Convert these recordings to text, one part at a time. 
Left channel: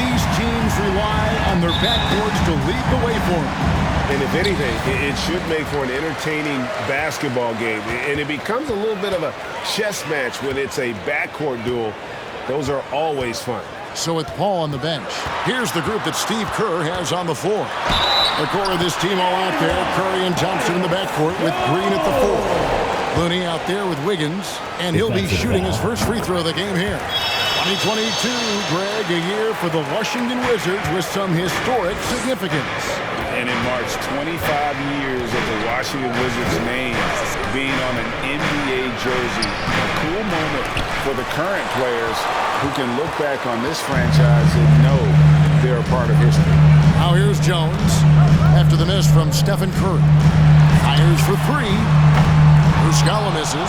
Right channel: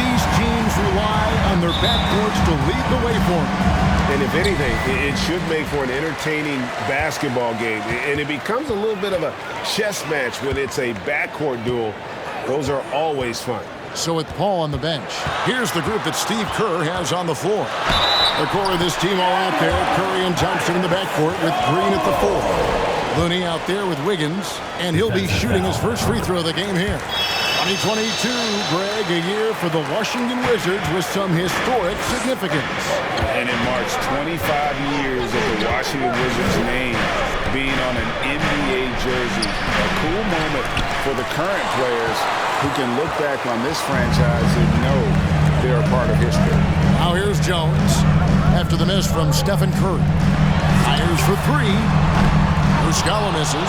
these teams rely on their backcourts to lead the way for them. And if anything, it should make for an entertaining basketball game. And it becomes a little bit of a chess match when it's a backcourt duel. Those are always fun. So with Paul on the bench, here's the group that Steve Kerr has on the floor. The core of this team all out there. Curry and Thompson in the backcourt with Green at the 4. Looney out there with Wiggins, and he'll be shooting his first free throw of the game here. 2022, Greg, a year for the Washington Wizards with some historic significance. And it marks 25 years of the Washington Wizards name being on an NBA jersey. A cool moment for the current players who can look back on this franchise and know they're a part of history. Now here's Jones after the miss from Stephen Curry. Fires for 3. Muscala misses.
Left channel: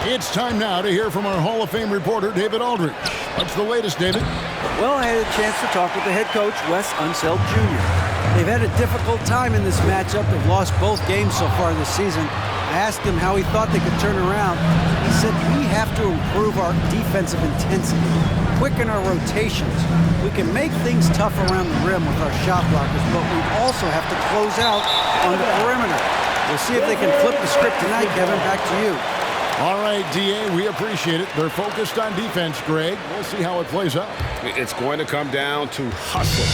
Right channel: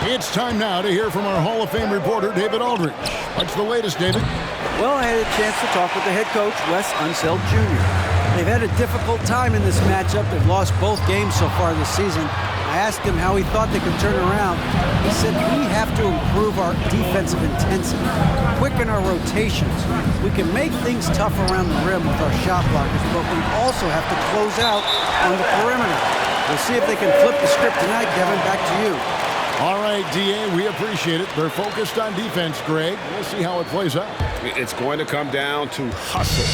It's time now to hear from our Hall of Fame reporter, David Aldridge. What's the latest, David? Well, I had a chance to talk with the head coach, Wes Unseld Jr. They've had a difficult time in this matchup. They've lost both games so far this season. I asked him how he thought they could turn around. He said, we have to improve our defensive intensity, quicken our rotations. We can make things tough around the rim with our shot blockers, but we also have to close out on the perimeter. We'll see if they can flip the script tonight, Kevin. Back to you. All right, D.A., we appreciate it. They're focused on defense, Greg. We'll see how it plays out. It's going to come down to hustle.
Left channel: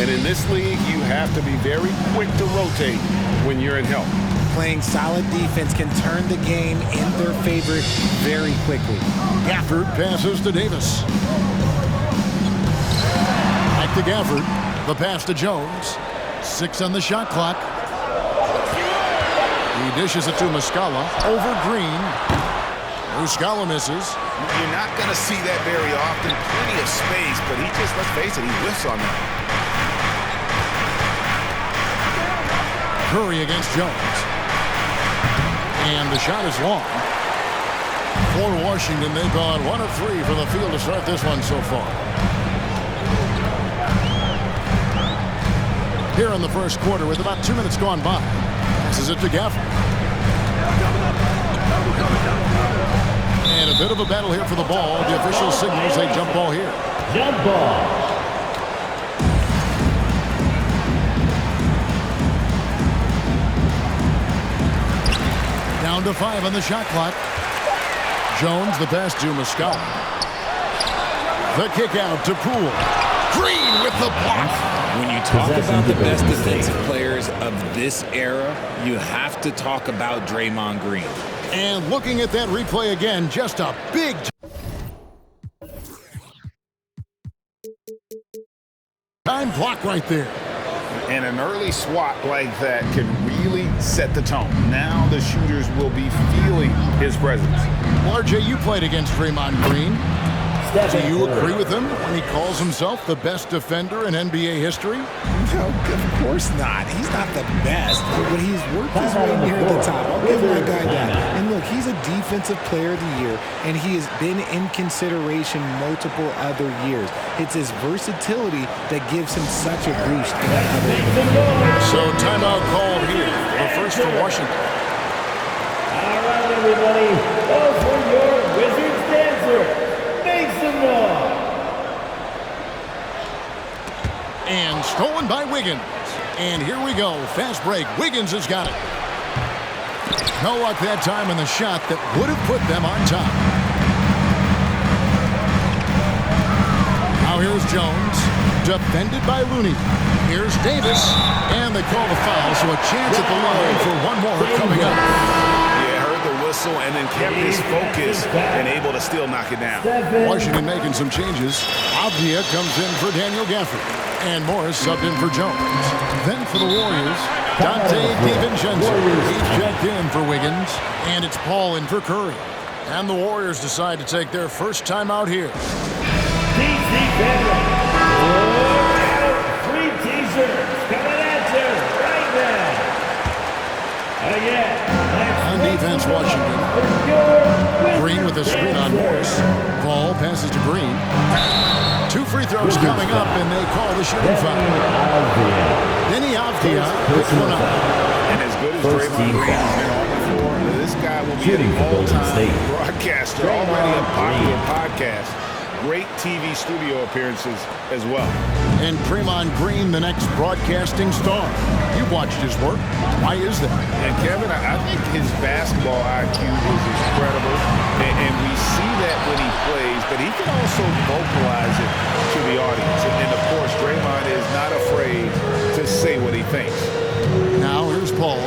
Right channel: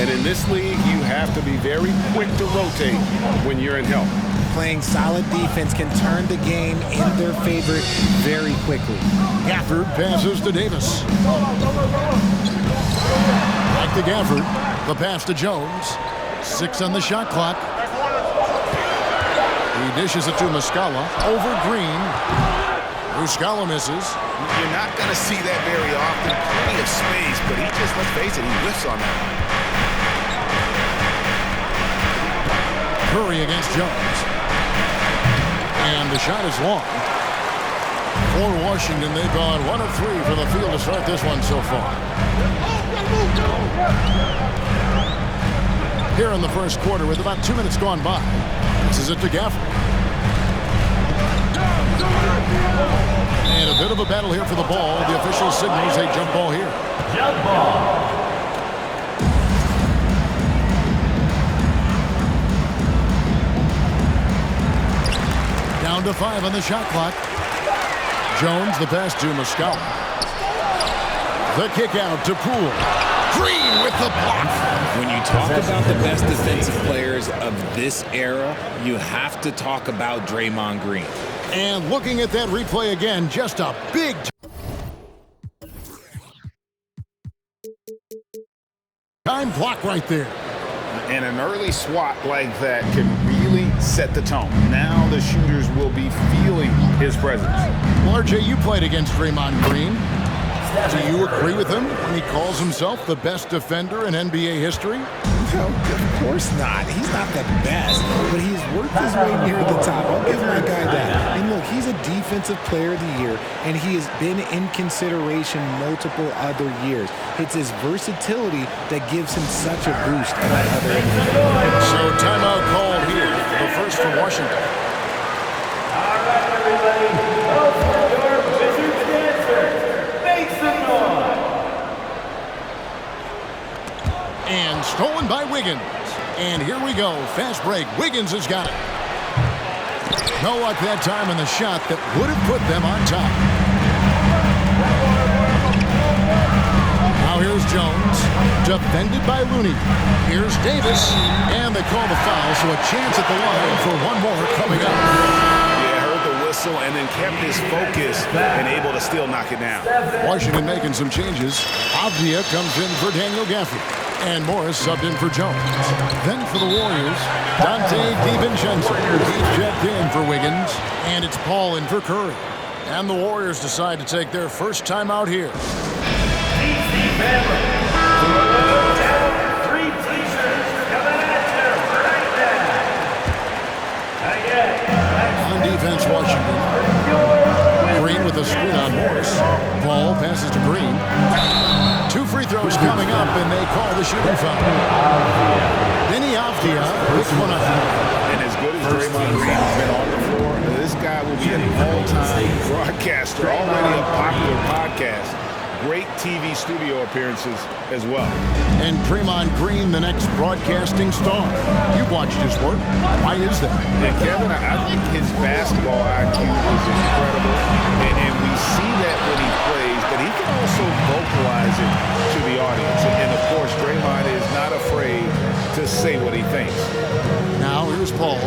And in this league, you have to be very quick to rotate when you're in help. Playing solid defense can turn the game in their favor very quickly. Gafford passes to Davis. Back to Gafford. The pass to Jones. 6 on the shot clock. He dishes it to Muscala. Over Green. Muscala misses. You're not going to see that very often. Plenty of space, but he just, let's face it, he whiffs on that one. Curry against Jones. And the shot is long. For Washington, they've gone 1 of 3 from the field to start this one so far. Here in the first quarter with about 2 minutes gone by. Passes it to Gafford. And a bit of a battle here for the ball. The official signals a jump ball here. Jump ball. Down to 5 on the shot clock. Jones, the pass to Muscala. The kick out to Poole. Green with the block. When you talk about the best defensive players of this era, you have to talk about Draymond Green. And looking at that replay again, just a big time block right there. And an early swat like that can really set the tone. Now the shooters will be feeling his presence. Well, RJ, you played against Draymond Green. Do you agree with him when he calls himself the best defender in NBA history? No, of course not. He's not the best, but he's worked his way near the top. I'll give my guy that. And look, he's a defensive player of the year, and he has been in consideration multiple other years. It's his versatility that gives him such a boost in that other end of the floor. So timeout called here, the first for Washington. All right, everybody. Go for your Wizards dancer. Make some noise. And stolen by Wiggins. And here we go. Fast break. Wiggins has got it. No luck that time on the shot that would have put them on top. Now here's Jones. Defended by Looney. Here's Davis. And they call the foul, so a chance at the line for one more coming up. Yeah, heard the whistle and then kept his focus and able to still knock it down. Washington making some changes. Avdia comes in for Daniel Gafford. And Morris subbed in for Jones. Then for the Warriors, Dante DiVincenzo. He's checked in for Wiggins. And it's Paul in for Curry. And the Warriors decide to take their first time out here. DC family. 3 t-shirts coming at you right now. Again. On defense, Washington. Green with a screen on Morris. Paul passes to Green. 2 free throws coming up, and they call the shooting foul. Denny Avdia picks one up. And as good as Draymond Green has been on the floor, this guy will be an all-time broadcaster, already a popular podcast. great TV studio appearances as well. And Draymond Green, the next broadcasting star. You've watched his work. Why is that? And Kevin, I think his basketball IQ is incredible, and we see that when he plays, but he can also vocalize it to the audience. And of course, Draymond is not afraid to say what he thinks. Now here's Paul.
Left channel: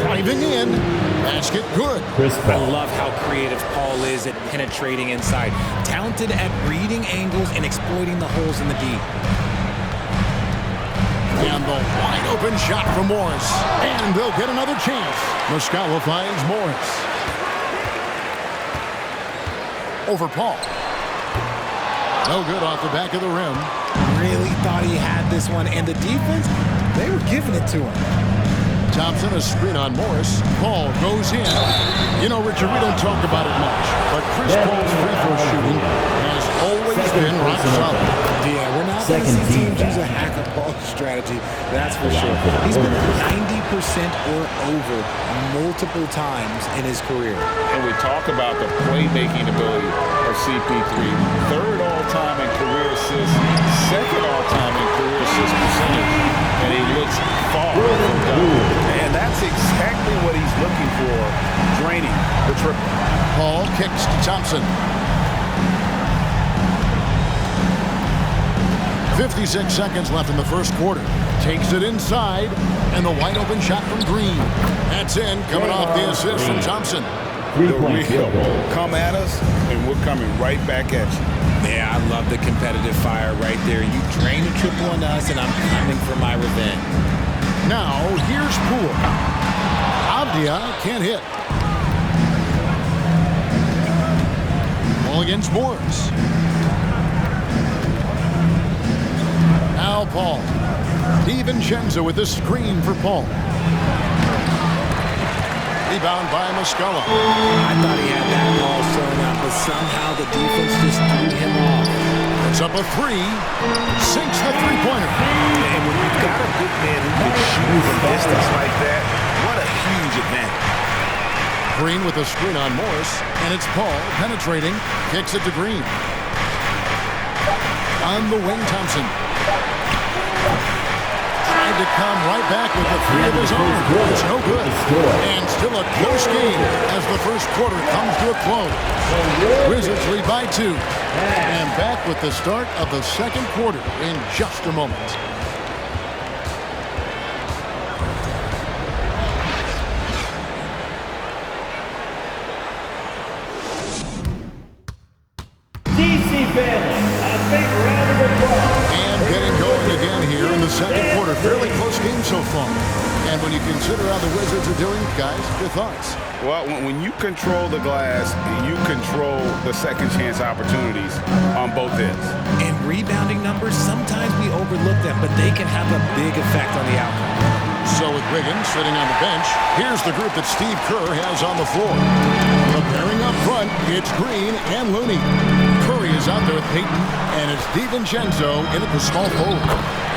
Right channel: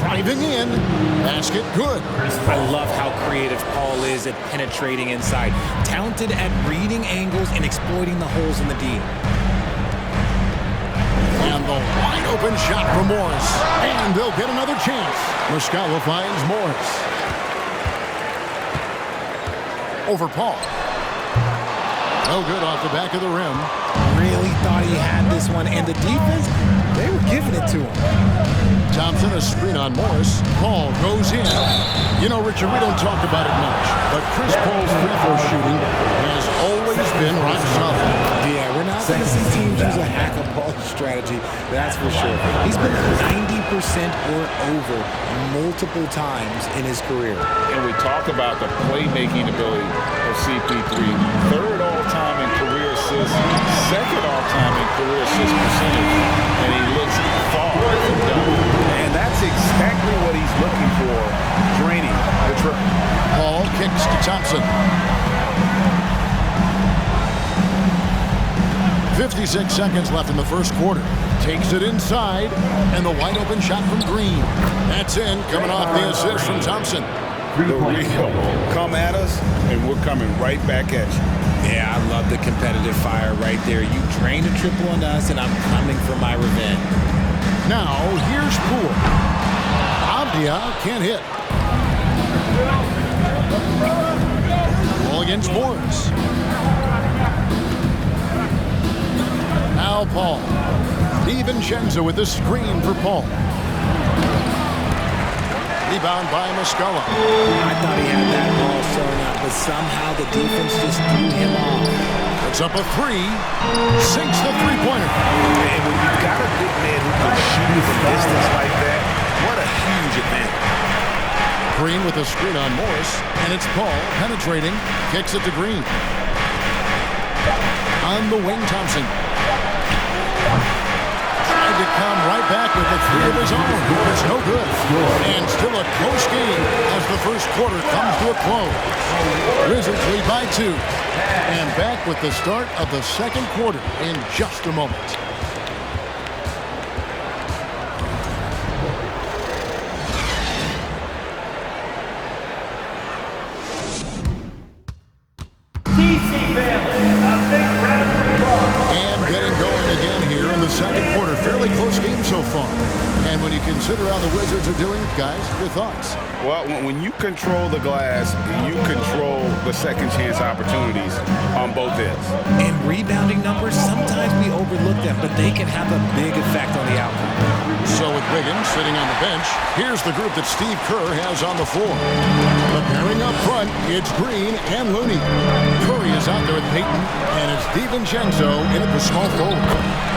Driving in. Basket good. I love how creative Paul is at penetrating inside. Talented at reading angles and exploiting the holes in the D. And the wide open shot from Morris. And they'll get another chance. Muscala finds Morris. Over Paul. No good off the back of the rim. Really thought he had this one, and the defense, they were giving it to him. Thompson, a screen on Morris. Paul goes in. You know, Richard, we don't talk about it much, but Chris Paul's free throw shooting has always been rock solid. Yeah, we're not going to see teams use a hack-a-ball strategy, that's for sure. He's been at 90% or over multiple times in his career. And we talk about the playmaking ability of CP3. Third all-time in career assists, second all-time in career assist percentage, and he looks far from done. And that's exactly what he's looking for, draining the triple. Paul kicks to Thompson. 56 seconds left in the first quarter. Takes it inside, and the wide open shot from Green. That's in, coming off the assist from Thompson. The real come at us, and we're coming right back at you. Yeah, I love the competitive fire right there. You drain a triple on us, and I'm coming for my revenge. Now, here's Poole. Avdia can't hit. Ball against Morris. Now Paul. DiVincenzo with the screen for Paul. Rebound by Muscala. I thought he had that ball thrown out, but somehow the defense just threw him off. Puts up a three. Sinks the three-pointer. And when you've got a big man who can shoot from distance like that, what a huge advantage. Green with a screen on Morris, and it's Paul penetrating, kicks it to Green. On the wing, Thompson. Tried to come right back with the three of his own. It's no good. And still a close game as the first quarter comes to a close. Wizards lead by 2. And back with the start of the second quarter in just a moment. TC family, a big round of applause. And getting going again here in the second quarter. Fairly close game so far. And when you consider how the Wizards are doing, guys, your thoughts? Well, when you control the glass, you control the second chance opportunities on both ends. And rebounding numbers, sometimes we overlook them, but they can have a big effect on the outcome. So with Wiggins sitting on the bench, here's the group that Steve Kerr has on the floor. The pairing up front, it's Green and Looney. Curry is out there with Payton, and it's DiVincenzo in at the small forward.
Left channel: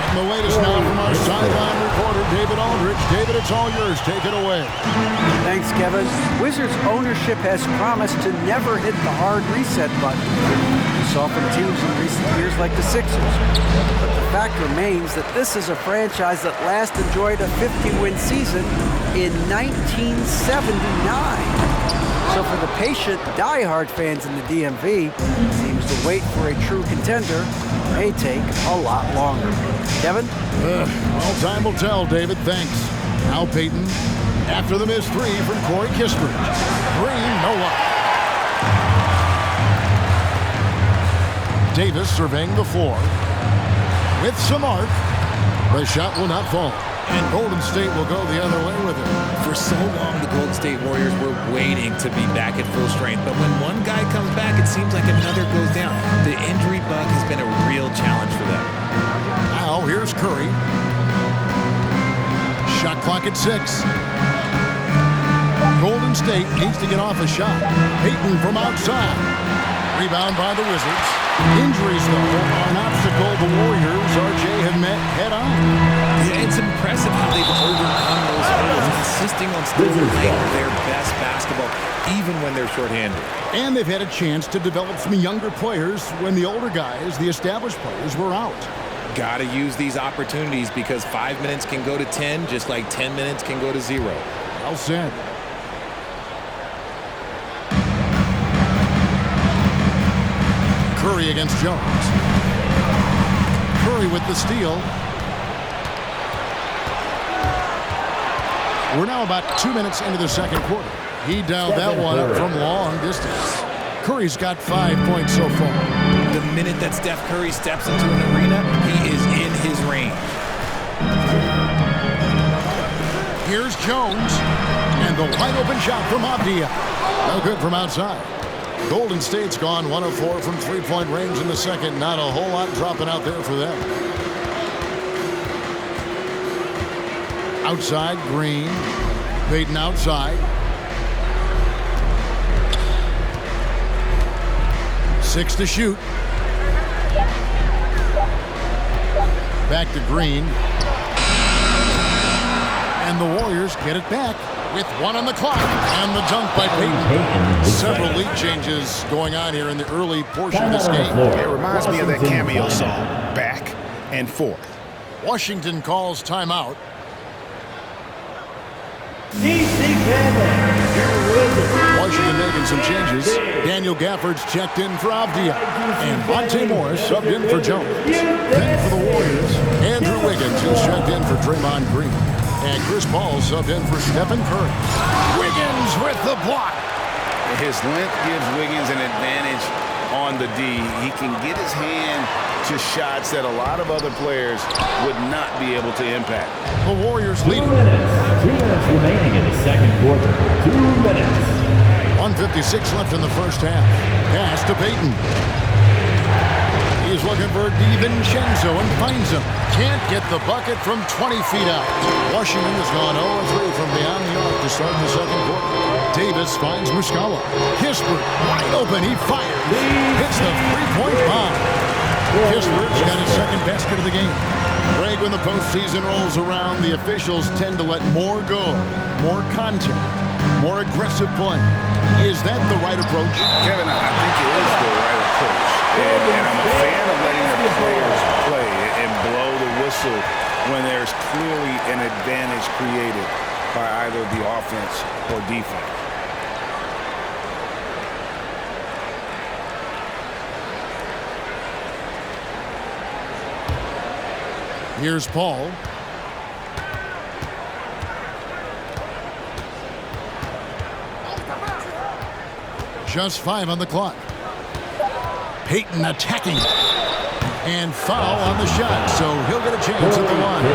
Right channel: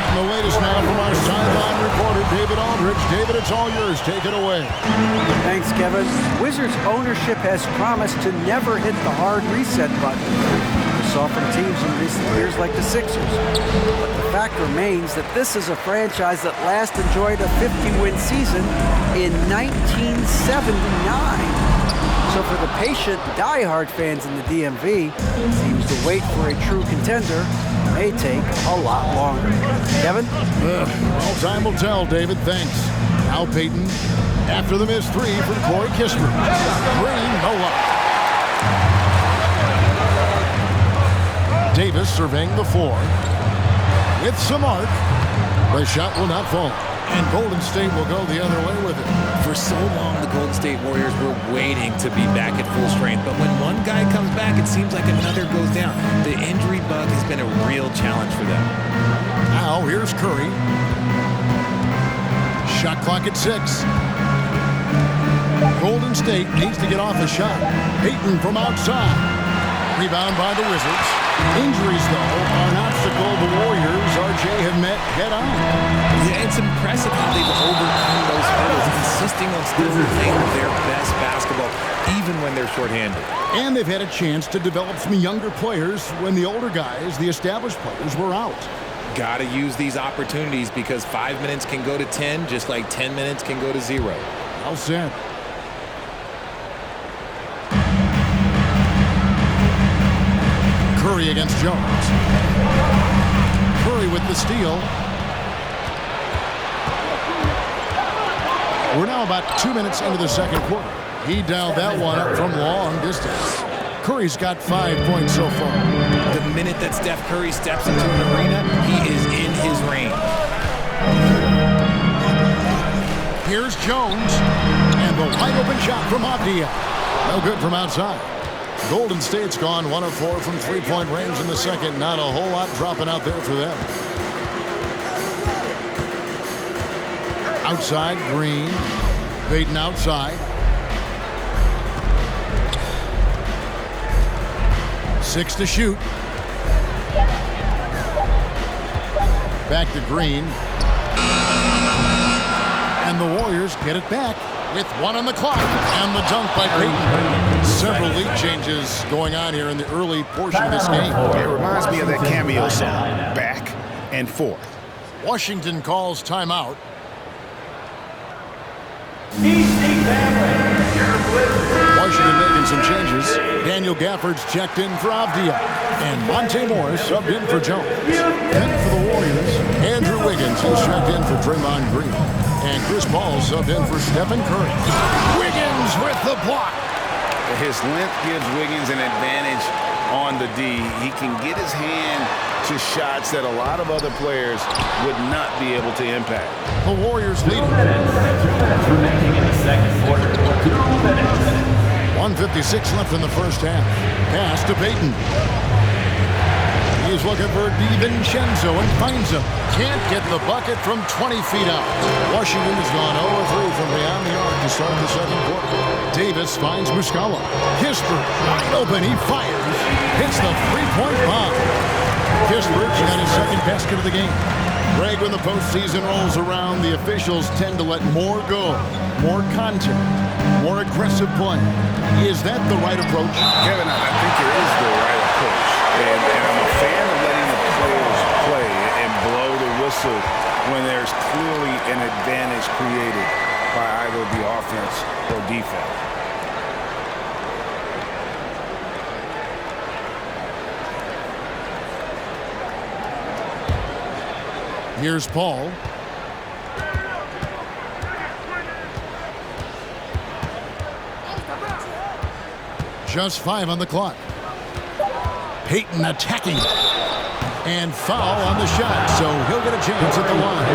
And the latest now from our sideline reporter, David Aldridge. David, it's all yours. Take it away. Thanks, Kevin. Wizards ownership has promised to never hit the hard reset button. We saw from teams in recent years like the Sixers. But the fact remains that this is a franchise that last enjoyed a 50-win season in 1979. So for the patient, die-hard fans in the DMV, it seems to wait for a true contender may take a lot longer. Kevin? Well, time will tell, David. Thanks. Now Payton, after the missed three from Corey Kispert. Green, no luck. Davis surveying the floor. With some arc, the shot will not fall. And Golden State will go the other way with it. For so long, the Golden State Warriors were waiting to be back at full strength. But when one guy comes back, it seems like another goes down. The injury bug has been a real challenge for them. Now, here's Curry. Shot clock at 6. Golden State needs to get off a shot. Payton from outside. Rebound by the Wizards. Injuries, though, are an obstacle the Warriors RJ, have met head-on. Yeah, it's impressive how they've overcome those hurdles, insisting on still playing their best basketball, even when they're shorthanded. And they've had a chance to develop some younger players when the older guys, the established players, were out. Got to use these opportunities because 5 minutes can go to 10, just like 10 minutes can go to 0. Well said. Curry against Jones. Curry with the steal. We're now about 2 minutes into the second quarter. He dialed that one up from long distance. Curry's got 5 points so far. The minute that Steph Curry steps into an arena, he is in his range. Here's Jones. And the wide open shot from Avdia. No good from outside. Golden State's gone 1 of 4 from three-point range in the second. Not a whole lot dropping out there for them. Outside, Green. Payton outside. 6 to shoot. Back to Green. And the Warriors get it back with 1 on the clock. And the dunk by Payton. Several lead changes going on here in the early portion of this game. It reminds me of that cameo song, Back and Forth. Washington calls timeout. Washington making some changes. Daniel Gafford's checked in for Avdia. And Monte Morris subbed in for Jones. Then for the Warriors, Andrew Wiggins, who's checked in for Draymond Green. And Chris Paul subbed in for Stephen Curry. Wiggins with the block. His length gives Wiggins an advantage on the D. He can get his hand to shots that a lot of other players would not be able to impact. The Warriors leading. 2 minutes remaining in the second quarter. 2 minutes. 1:56 left in the first half. Pass to Payton. He's looking for DiVincenzo and finds him. Can't get the bucket from 20 feet out. Washington has gone 0-3 from beyond the arc to start the second quarter. Davis finds Muscala. Kispert wide open. He fires. Hits the three-point bomb. Kispert's got his second basket of the game. Greg, when the postseason rolls around, the officials tend to let more go, more contact, more aggressive play. Is that the right approach? Kevin, I think it is the right approach. And I'm a fan of letting the players play and blow the whistle when there's clearly an advantage created by either the offense or defense. Here's Paul. Just 5 on the clock. Payton attacking. And foul on the shot, so he'll get a chance at the line.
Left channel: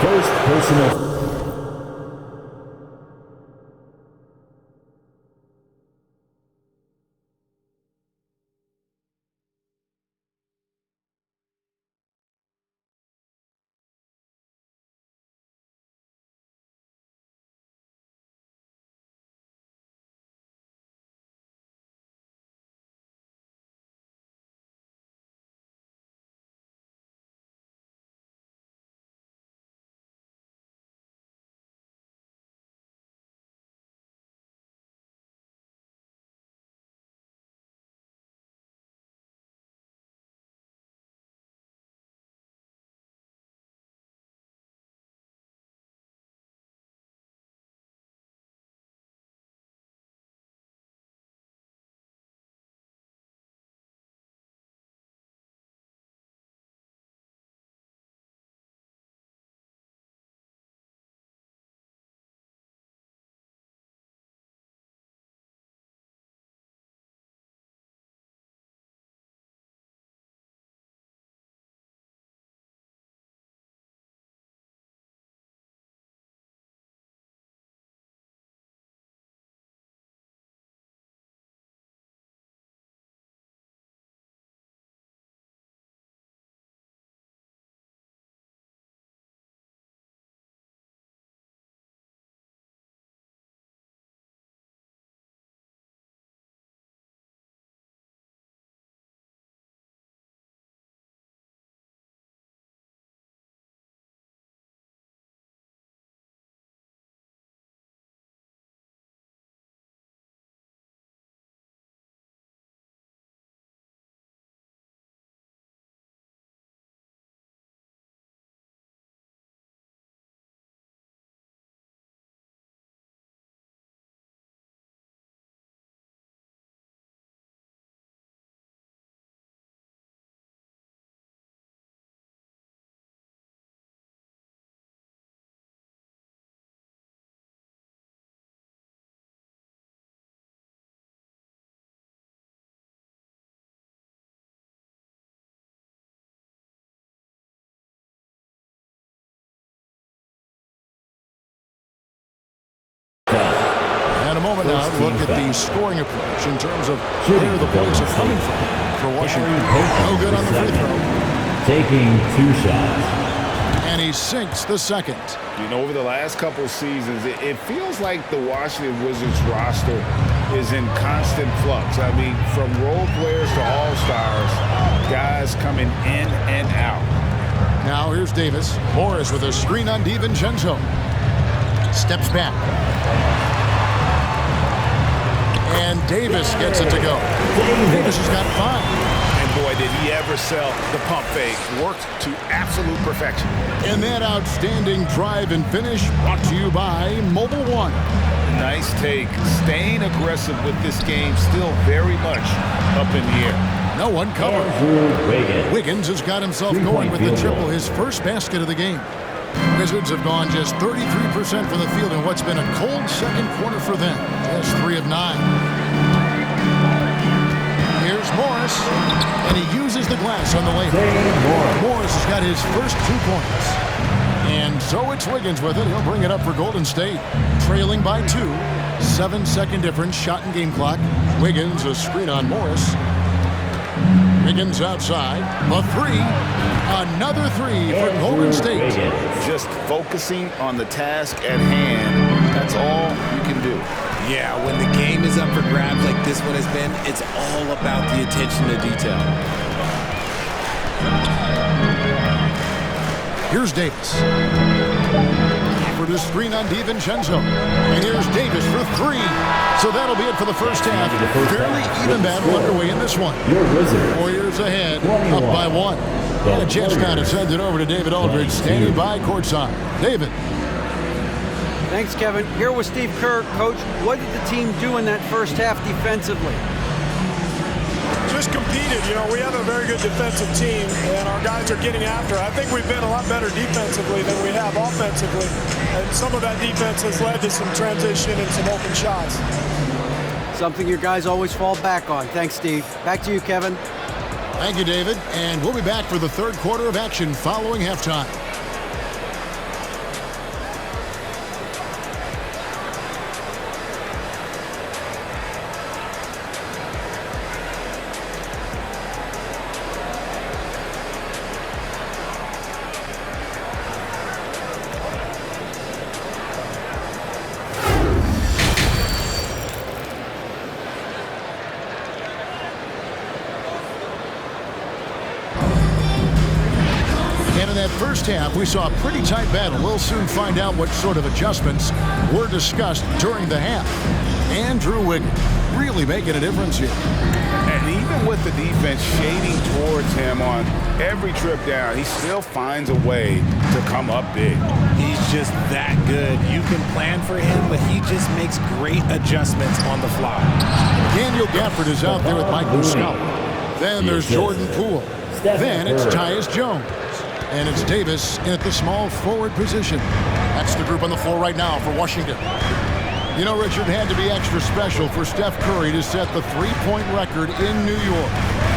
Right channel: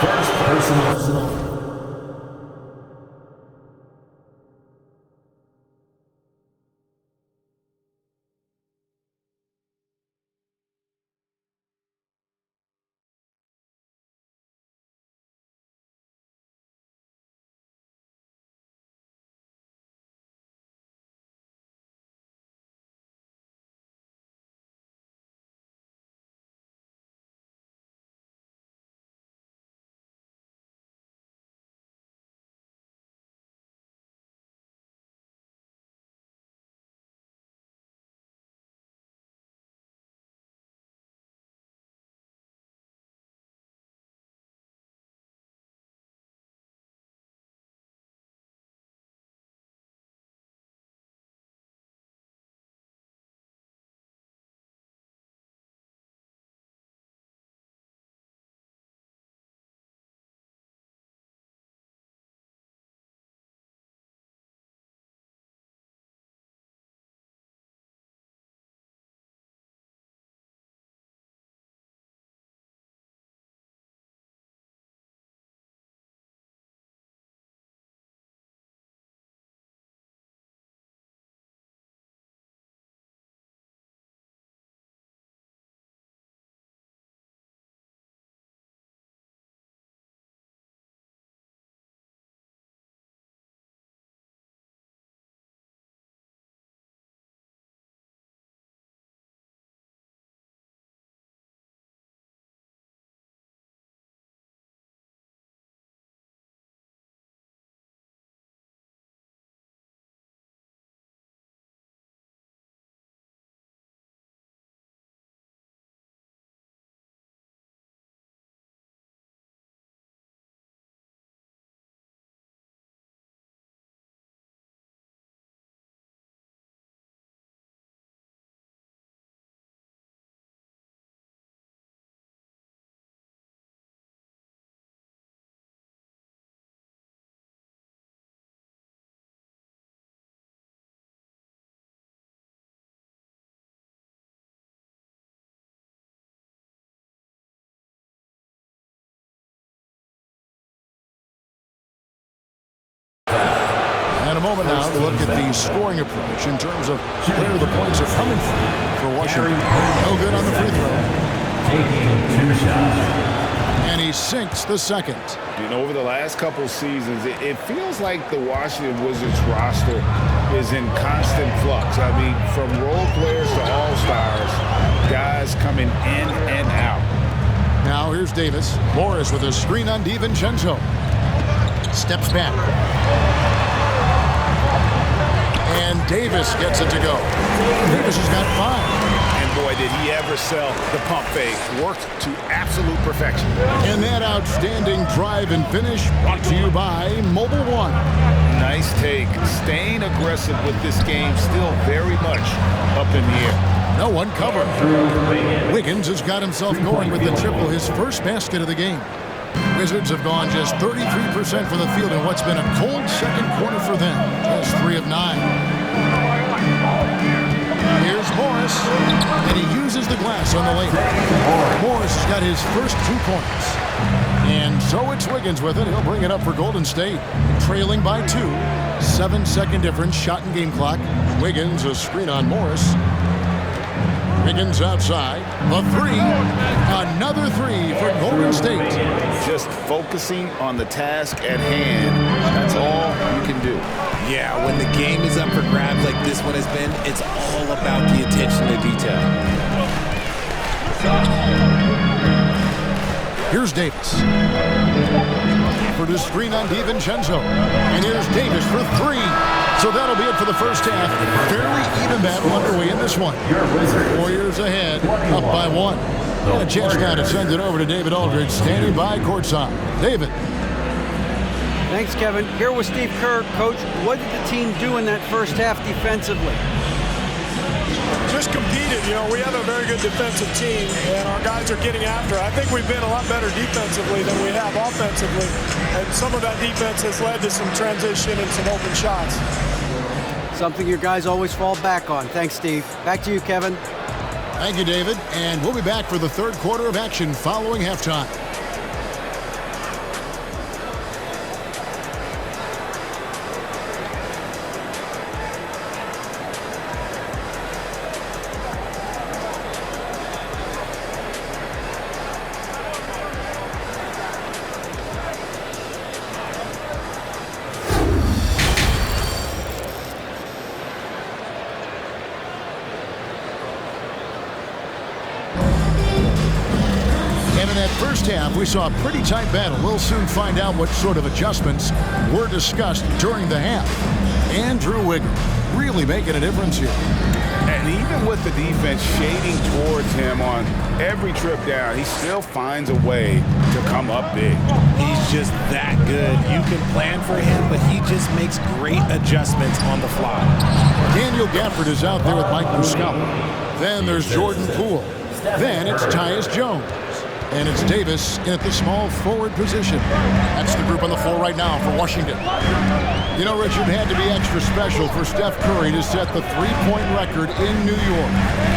First personal And a moment now to look at the scoring approach in terms of where the points are coming from for Washington. No good on the free throw. Taking 2 shots. And he sinks the second. You know, over the last couple seasons, it feels like the Washington Wizards roster is in constant flux. I mean, from role players to all-stars, guys coming in and out. Now here's Davis. Morris with a screen on DiVincenzo. Steps back. And Davis gets it to go. Davis has got 5. And boy, did he ever sell the pump fake. Worked to absolute perfection. And that outstanding drive and finish brought to you by Mobile One. Nice take. Staying aggressive with this game, still very much up in the air. No one covered. Wiggins has got himself going with the triple, his first basket of the game. Wizards have gone just 33% from the field in what's been a cold second quarter for them. Just 3 of 9. Here's Morris, and he uses the glass on the layup. Morris has got his first 2 points. And so it's Wiggins with it. He'll bring it up for Golden State. Trailing by 2. 7-second difference, shot and game clock. Wiggins, a screen on Morris. Wiggins outside. The 3. Another 3 for Golden State. Just focusing on the task at hand. That's all you can do. Yeah, when the game is up for grabs like this one has been, it's all about the attention to detail. Here's Davis. For the screen on DiVincenzo. And here's Davis for 3. So that'll be it for the first half. Fairly even battle underway in this one. Warriors ahead, up by 1. And a chance now to send it over to David Aldridge, standing by courtside. David. Thanks, Kevin. Here with Steve Kerr. Coach, what did the team do in that first half defensively? Just competed. You know, we have a very good defensive team, and our guys are getting after it. I think we've been a lot better defensively than we have offensively, and some of that defense has led to some transition and some open shots. Something your guys always fall back on. Thanks, Steve. Back to you, Kevin. Thank you, David. And we'll be back for the third quarter of action following halftime. And in that first half, we saw a pretty tight battle. We'll soon find out what sort of adjustments were discussed during the half. Andrew Wiggins really making a difference here. And even with the defense shading towards him on every trip down, he still finds a way to come up big. He's just that good. You can plan for him, but he just makes great adjustments on the fly. Daniel Gafford is out there with Mike Muscala. Then there's Jordan Poole. Then it's Tyus Jones. And it's Davis in at the small forward position. That's the group on the floor right now for Washington. You know, Richard, had to be extra special for Steph Curry to set the three-point record in New York.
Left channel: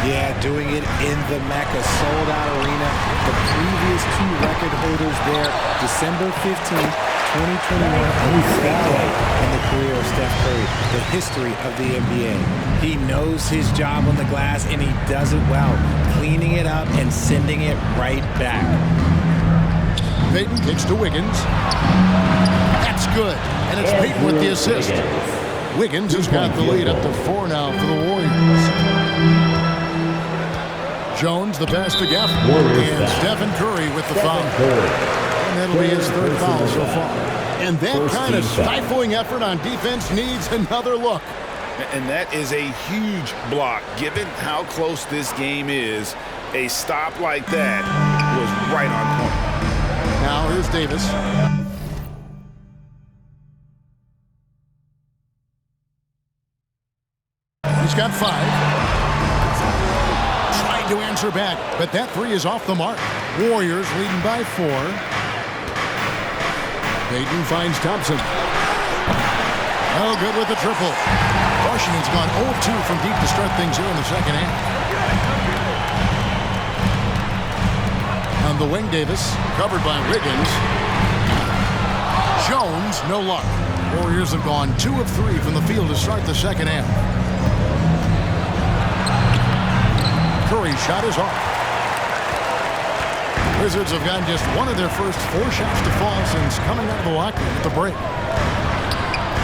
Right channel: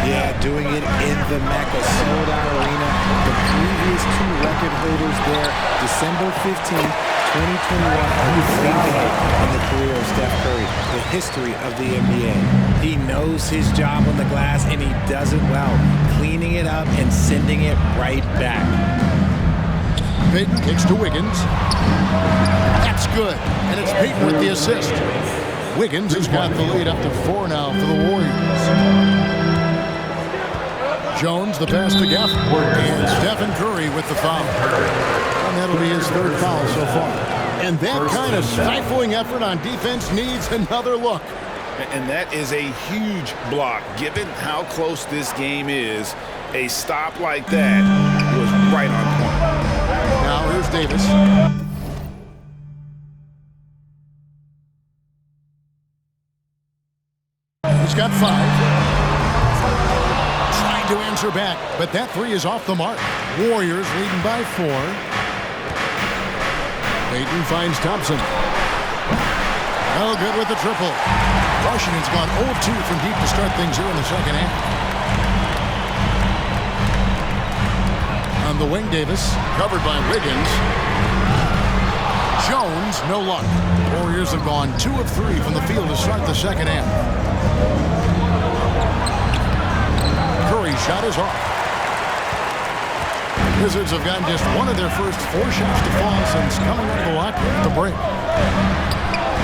Yeah, doing it in the Mecca sold-out arena. The previous 2 record holders there, December 15th, 2021, a great day in the career of Steph Curry, the history of the NBA. He knows his job on the glass, and he does it well, cleaning it up and sending it right back. Payton kicks to Wiggins. That's good, and it's Payton with the assist. Wiggins has got the lead up to 4 now for the Warriors. Jones, the pass to Gafford, and Stephen Curry with the foul. And that'll be his 3rd foul so far. And that kind of stifling effort on defense needs another look. And that is a huge block. Given how close this game is, a stop like that was right on point. Now here's Davis. He's got 5. Trying to answer back, but that 3 is off the mark. Warriors leading by 4. Payton finds Thompson. Oh, good with the triple. Washington's gone 0-2 from deep to start things here in the second half. On the wing, Davis, covered by Wiggins. Jones, no luck. Warriors have gone 2 of 3 from the field to start the second half. Curry's shot is off. Wizards have gotten just one of their first 4 shots to fall since coming out of the locker room at the break.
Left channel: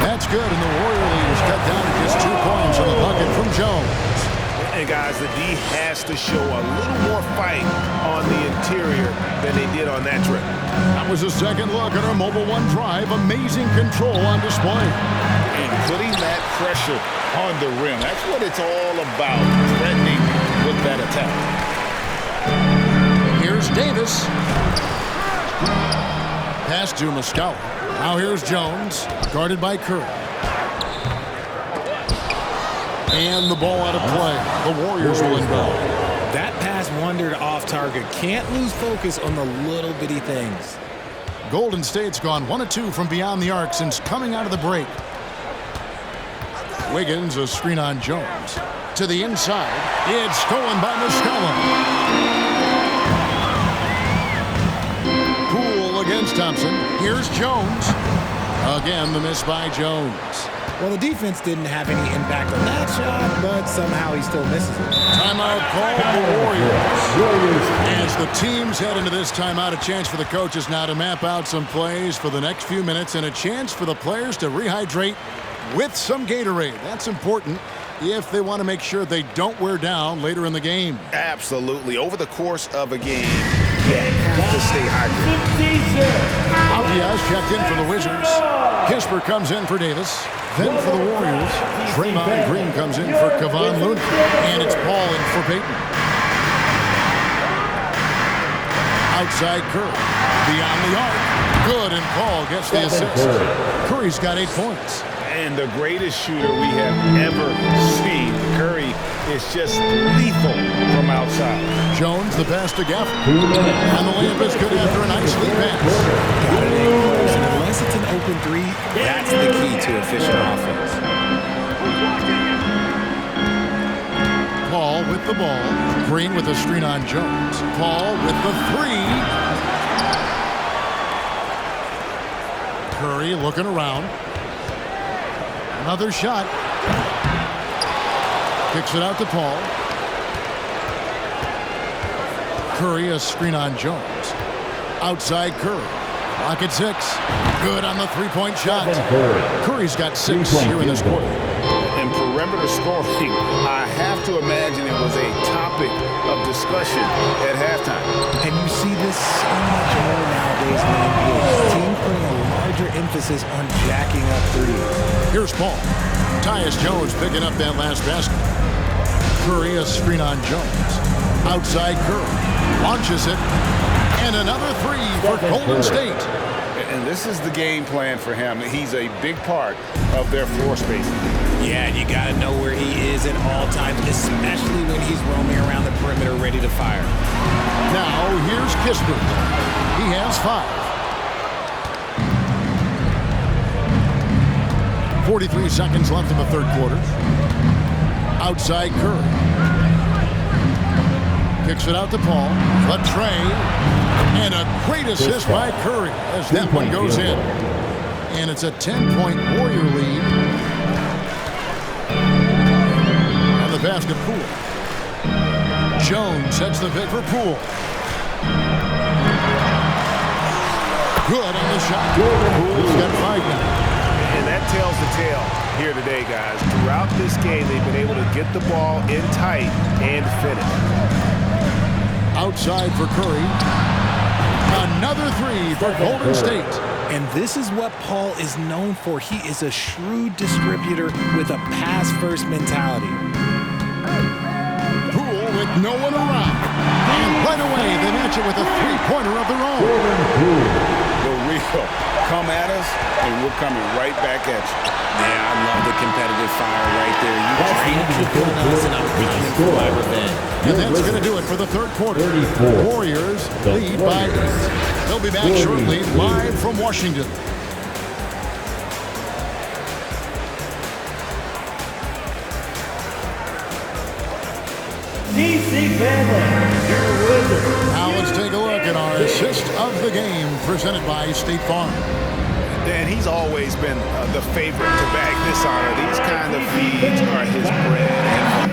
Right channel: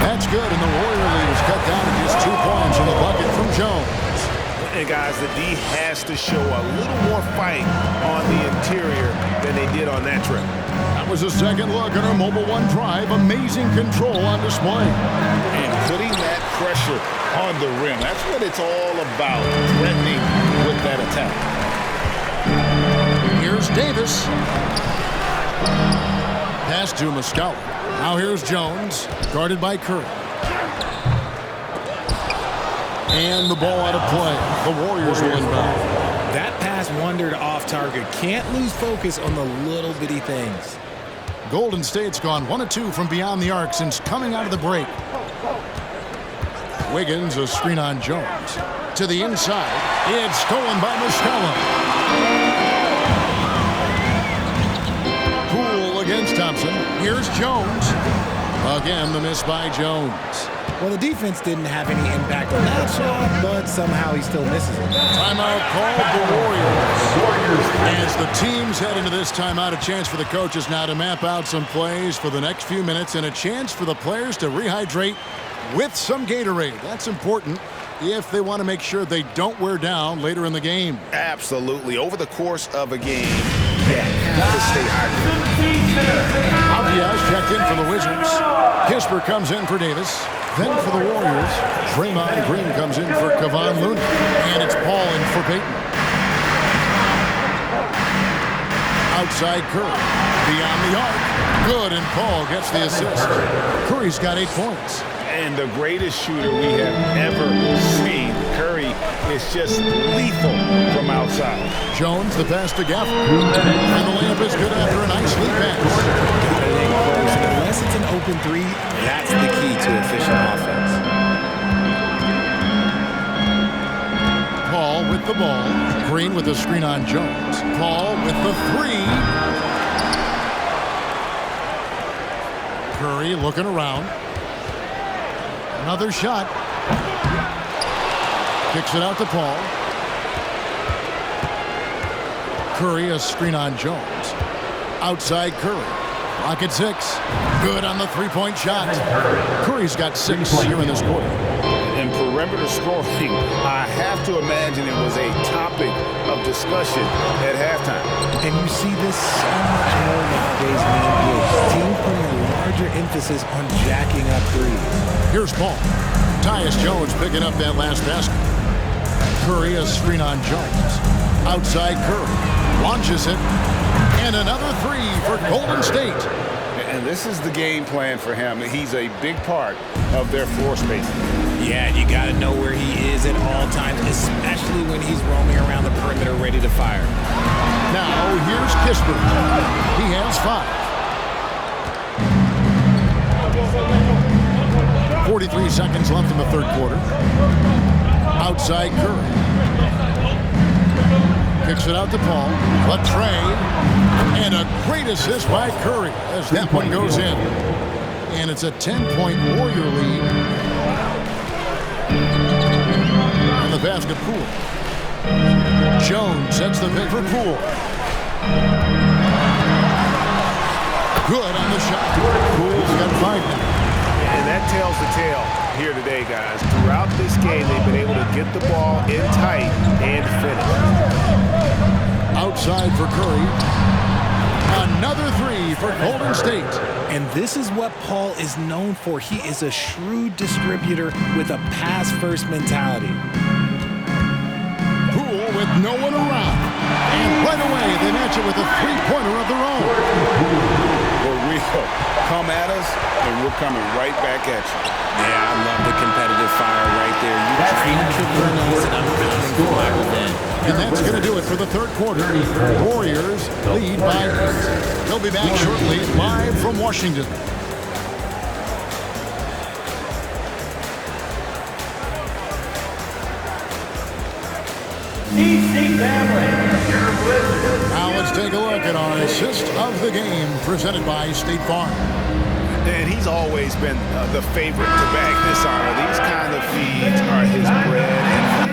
That's good, and the Warrior lead is cut down to just 2 points on the bucket from Jones. And guys, the D has to show a little more fight on the interior than they did on that trip. That was a second look at our Mobile One drive. Amazing control on display. And putting that pressure on the rim. That's what it's all about, threatening with that attack. Here's Davis. Pass to Muscala. Now here's Jones, guarded by Curry. And the ball out of play. The Warriors will inbound. That pass wandered off target. Can't lose focus on the little bitty things. Golden State's gone 1 of 2 from beyond the arc since coming out of the break. Wiggins, a screen on Jones. To the inside. It's stolen by Muscala. Poole against Thompson. Here's Jones. Again, the miss by Jones. Well, the defense didn't have any impact on that shot, but somehow he still misses it. Timeout called the Warriors. As the teams head into this timeout, a chance for the coaches now to map out some plays for the next few minutes and a chance for the players to rehydrate with some Gatorade. That's important if they want to make sure they don't wear down later in the game. Absolutely. Over the course of a game, you have to stay hydrated. Avias checked in for the Wizards. Kisper comes in for Davis. Then for the Warriors, Draymond Green comes in for Kevon Looney. And it's Paul in for Payton. Outside Curry. Beyond the arc. Good, and Paul gets the assist. Curry's got 8 points. And the greatest shooter we have ever seen. Curry is just lethal from outside. Jones, the pass to Gafford. And the layup is good after a nice lead pass. Got it in close, and unless it's an open 3, that's the key to efficient offense. Paul with the ball. Green with the screen on Jones. Paul with the 3. Curry looking around. Another shot. Kicks it out to Paul. Curry, a screen on Jones. Outside Curry. Clock at 6. Good on the 3-point shot. Curry's got 6 here in this quarter. And perimeter scoring, I have to imagine it was a topic of discussion at halftime. And you see this so much more nowadays in the NBA. Teams putting a larger emphasis on jacking up threes. Here's Paul. Tyus Jones picking up that last basket. Curry, a screen on Jones. Outside Curry. Launches it. And another 3 for Golden State. And this is the game plan for him. He's a big part of their floor spacing. Yeah, you got to know where he is at all times, especially when he's roaming around the perimeter ready to fire. Now, here's Kisper. He has 5. 43 seconds left in the third quarter. Outside Curry. Kicks it out to Paul. A tray. And a great assist by Curry as that one goes in. And it's a 10-point Warrior lead. And the basket, Poole. Jones sets the pick for Poole. Good on the shot. Poole's got 5 now. And that tells the tale here today, guys. Throughout this game, they've been able to get the ball in tight and finish. Outside for Curry. Another 3 for Golden State. And this is what Paul is known for. He is a shrewd distributor with a pass-first mentality. Poole with no one around. And right away, they match it with a 3-pointer of their own. The real come at us, and we're coming right back at you. Yeah, I love the competitive fire right there. You drained triple on us, and I'm coming for my revenge. And that's going to do it for the third quarter. Warriors lead by 8. They'll be back shortly, live from Washington. DC family, your Wizards. Now let's take a look at our assist of the game presented by State Farm. And he's always been the favorite to bag this honor. These kind of feeds are his bread and butter.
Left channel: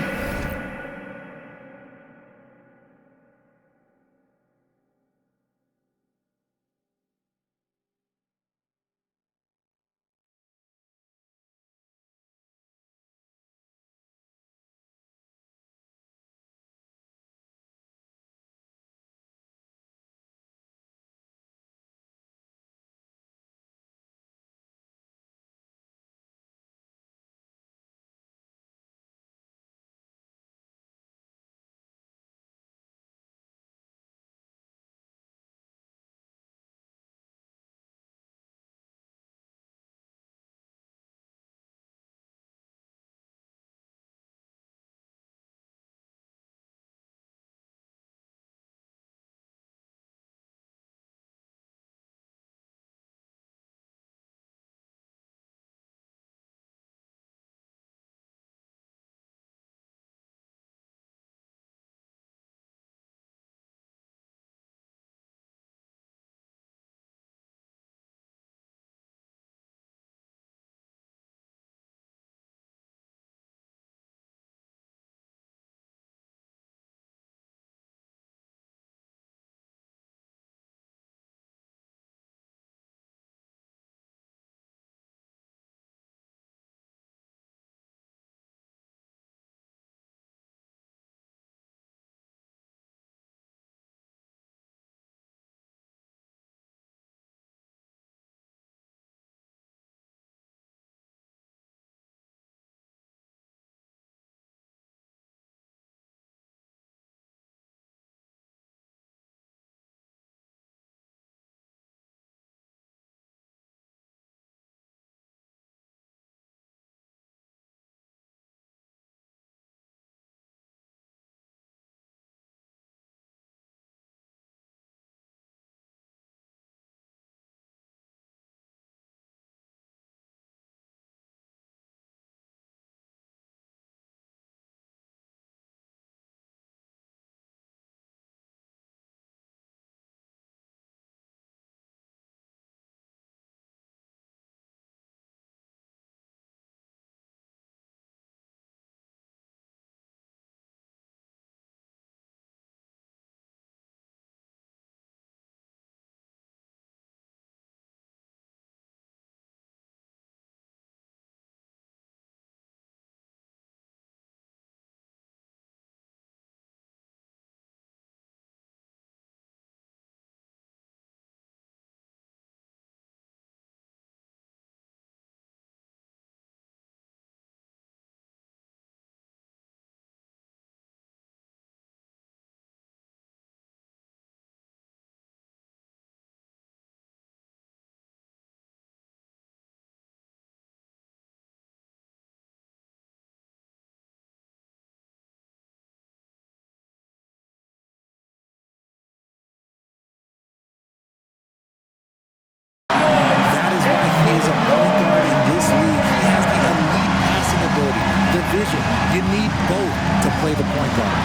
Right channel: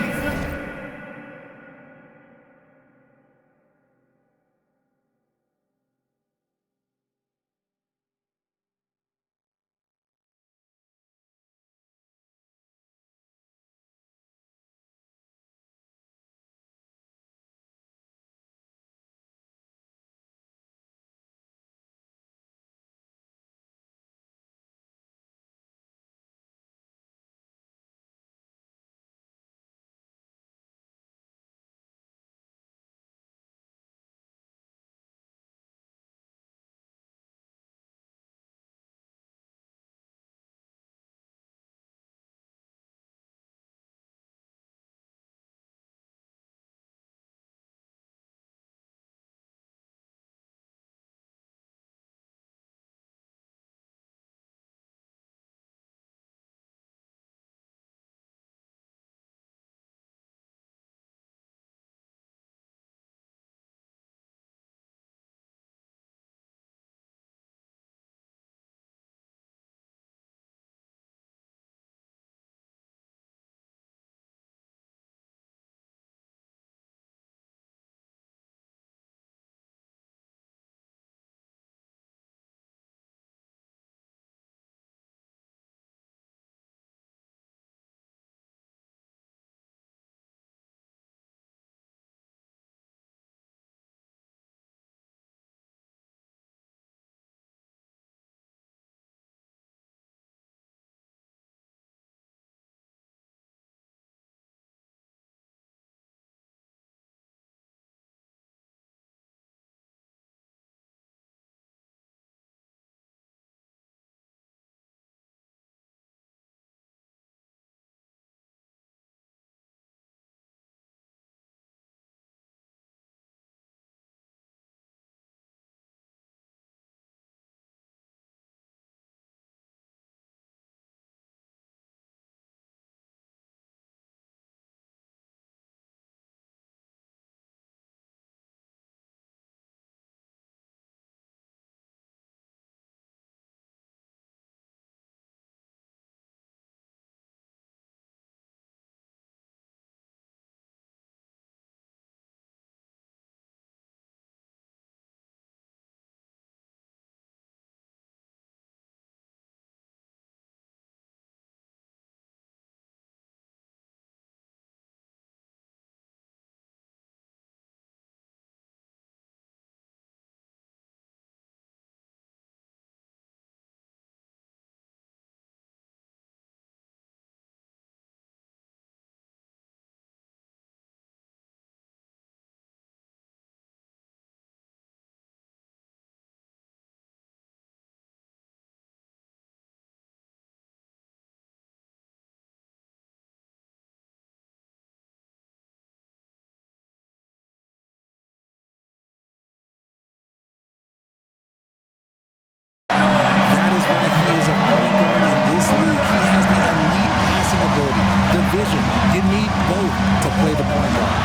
That is why he is a point guard in this league. He has the elite passing ability, the vision. You need both to play the point guard.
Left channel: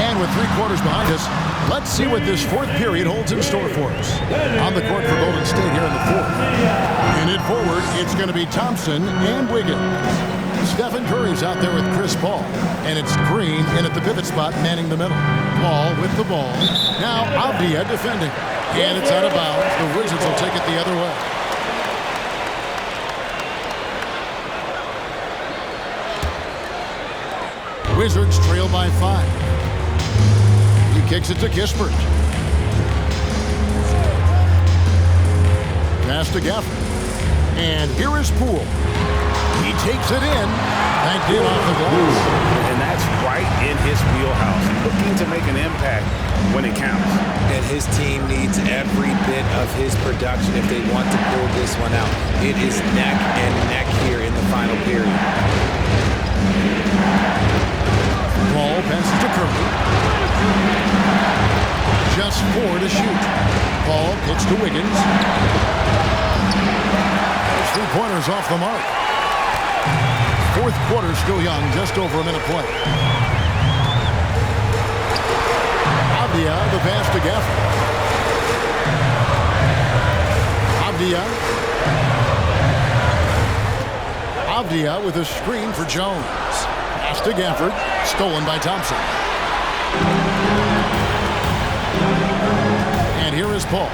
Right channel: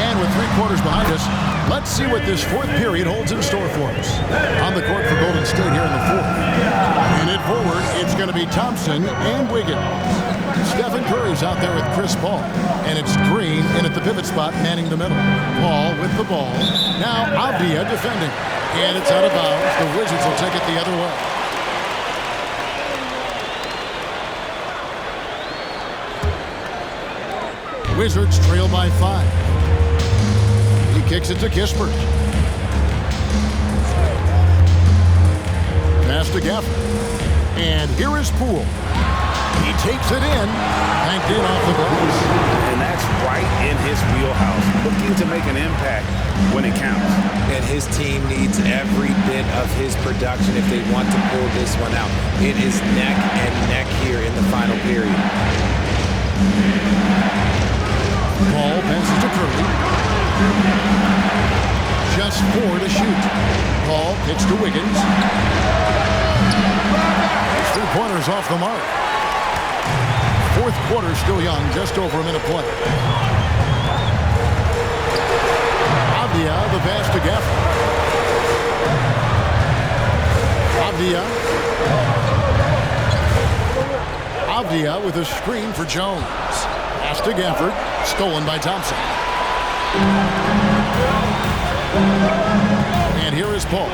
And with 3 quarters behind us, let's see what this fourth period holds in store for us. On the court for Golden State here in the fourth. And in forward, it's going to be Thompson and Wiggins. Stephen Curry's out there with Chris Paul. And it's Green in at the pivot spot, manning the middle. Paul with the ball. Now Avdia defending. And it's out of bounds. The Wizards will take it the other way. Wizards trail by 5. He kicks it to Kispert. Pass to Gafford. And here is Poole. He takes it in. Banked in off the glass. And that's right in his wheelhouse. Looking to make an impact when it counts. And his team needs every bit of his production if they want to pull this one out. It is neck and neck here in the final period. Ball passes to Curry. Just 4 to shoot. Ball kicks to Wiggins. His 3-pointers off the mark. Fourth quarter still young, just over a minute play. Avdia, the pass to Gafford. Avdia with a screen for Jones. Pass to Gafford. Stolen by Thompson. And here is Poole.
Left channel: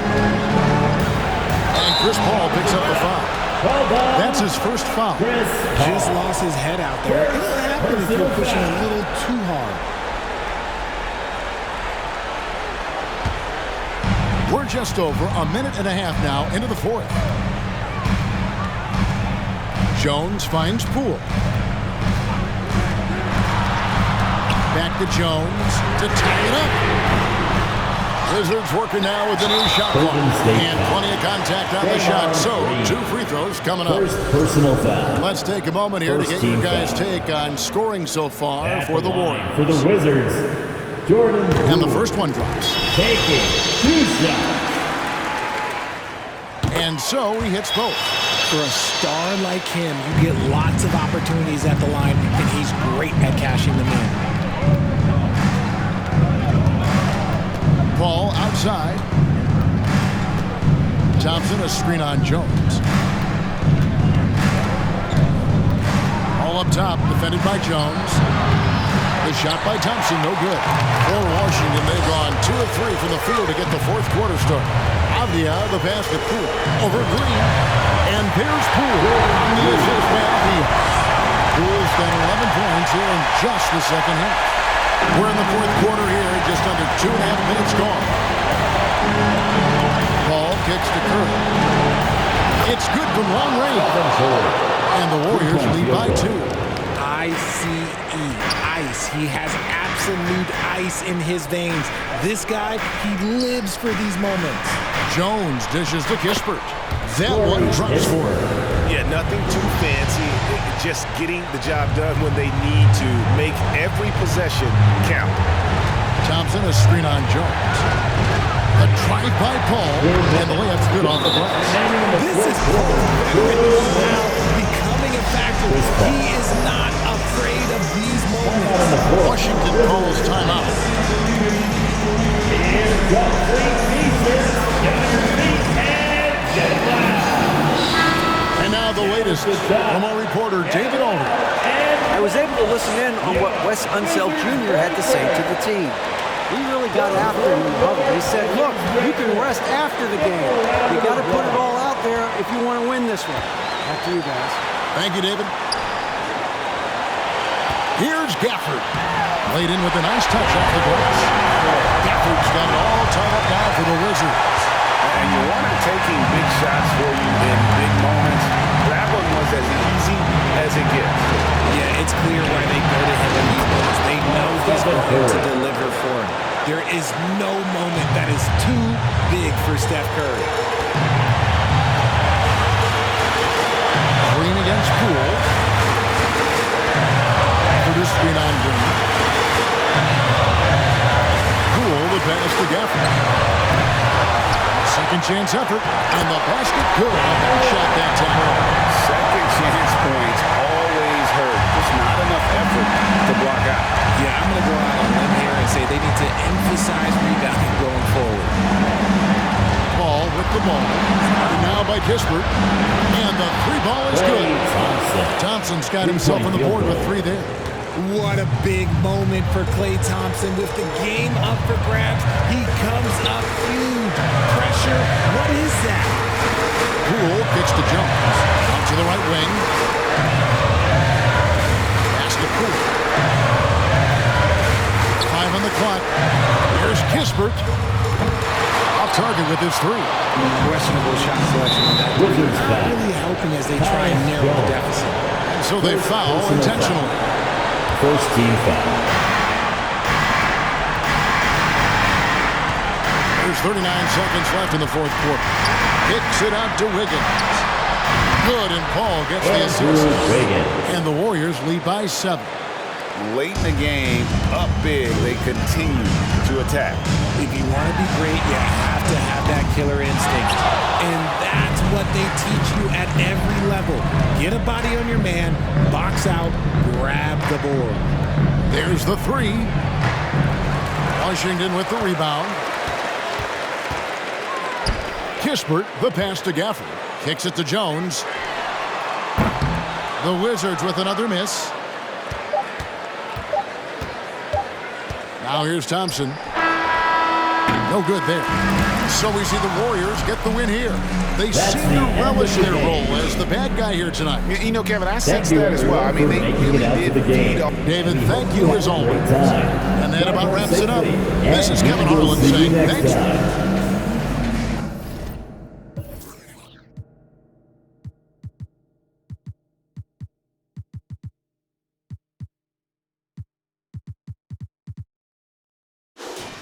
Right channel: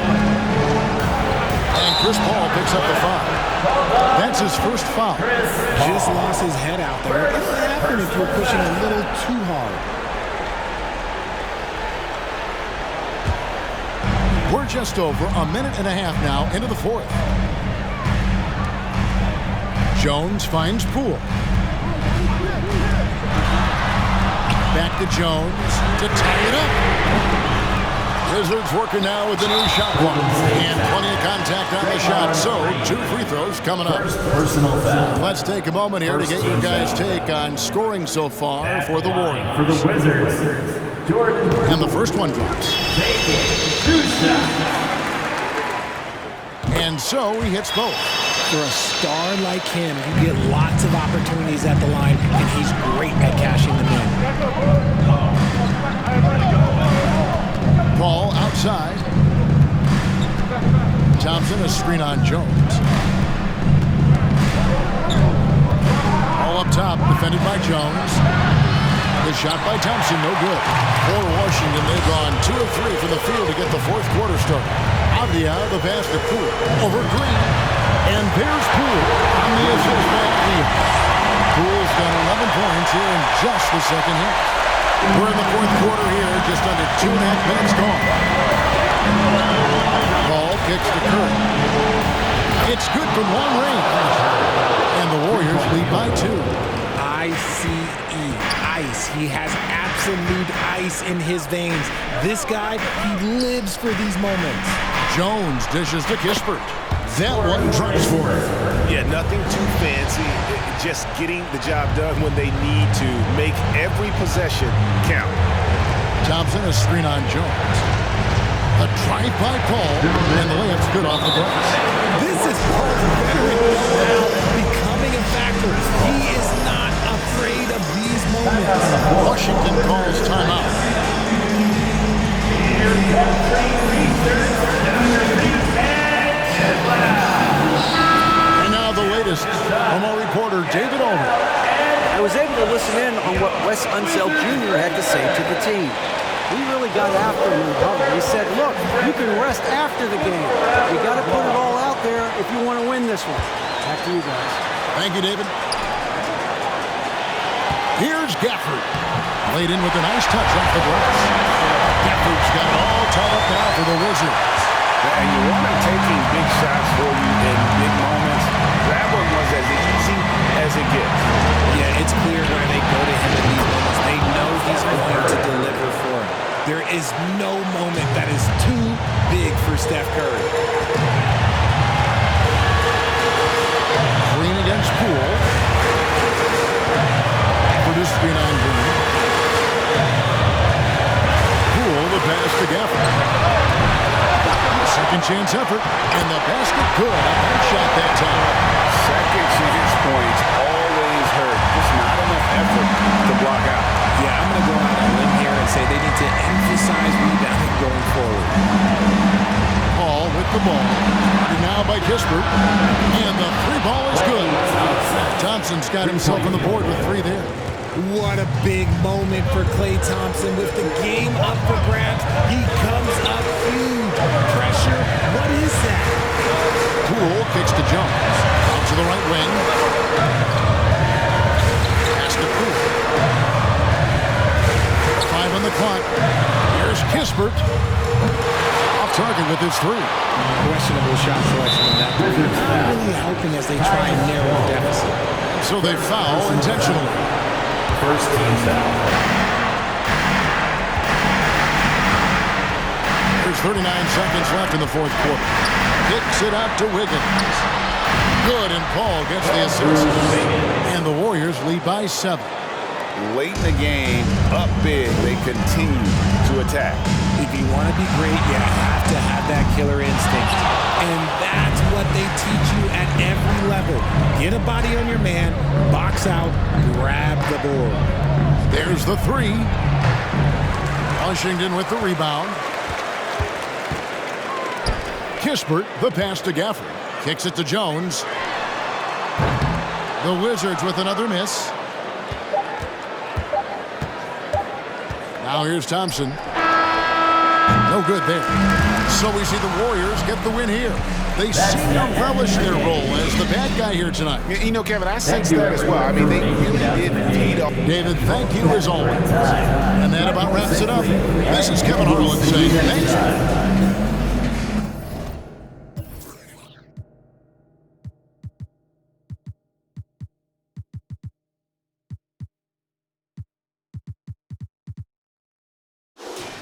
And Chris Paul picks up the foul. That's his first foul. Just lost his head out there. It'll happen if you're pushing a little too hard. We're just over a minute and a half now into the fourth. Jones finds Poole. Back to Jones to tie it up. Wizards working now with the new shot clock. And plenty of contact on the shot. So 2 free throws coming up. First personal foul. Let's take a moment here to get your guys' take on scoring so far for the Warriors. For the Wizards, Jordan. And the first one drops. Taking 2 shots. And so he hits both. For a star like him, you get lots of opportunities at the line, and he's great at cashing them in. Paul outside. Thompson a screen on Jones. All up top, defended by Jones. The shot by Thompson, no good. For Washington, they've gone 2 of 3 from the field to get the fourth quarter started. Avdia, the pass to Poole. Over Green. And there's Poole on the assist by Avdia. Poole's got 11 points here in just the second half. We're in the fourth quarter here, just under 2.5 minutes gone. Paul kicks to Curry. It's good from long range. And the Warriors lead by 2. ICE, ice. He has absolute ice in his veins. This guy, he lives for these moments. Jones dishes to Kispert. That one drops for him. Yeah, nothing too fancy. Just getting the job done when they need to. Make every possession count. Thompson a screen on Jones. The drive by Paul, and the layup's good off the glass. This is Paul's veteran know-how becoming a factor. He is not afraid of these moments. Washington calls timeout. And now the latest from our reporter, David Aldridge. I was able to listen in on what Wes Unseld Jr. had to say to the team. He really got after him in the huddle. He said, look, you can rest after the game. You got to put it all out there if you want to win this one. Back to you guys. Thank you, David. Here's Gafford. Laid in with a nice touch off the glass. Gafford's got it all tied up now for the Wizards. And you want him taking big shots for you in big moments. That one was as easy as it gets. Yeah, it's clear why they go to him in these moments. They know he's going to deliver for him. There is no moment that is too big for Steph Curry. Green against Poole. Produced screen on Green. Poole, the pass to Gafford. Second chance effort, and the basket good. A bank shot that time. Second chance points always hurt. Just not enough effort to block out. Yeah, I'm going to go out on a limb here and say they need to emphasize rebounding going forward. Paul with the ball. Started now by Kispert. And the 3 ball is good. Thompson's got himself on the board with 3 there. What a big moment for Klay Thompson with the game up for grabs. He comes up huge. Pressure, what is that? Poole kicks to Jones. Out to the right wing. Pass to Poole. 5 on the clock. Here's Kispert. Off target with his 3. Questionable shot selection on that 3. Not really helping as they try and narrow the deficit. And so they foul intentionally. First team foul. There's 39 seconds left in the fourth quarter. Kicks it out to Wiggins. Good, and Paul gets the assist. And the Warriors lead by 7. Late in the game, up big, they continue to attack. If you want to be great, you have to have that killer instinct. And that's what they teach you at every level. Get a body on your man, box out, grab the board. There's the 3. Washington with the rebound. Kispert, the pass to Gafford. Kicks it to Jones. The Wizards with another miss. Now here's Thompson. No good there. So we see the Warriors get the win here. They seem to relish their role as the bad guy here tonight. You know, Kevin, I sense that as well. I mean, they really did feed off. David, thank you as always. And that about wraps it up. This is Kevin Harlan saying thanks.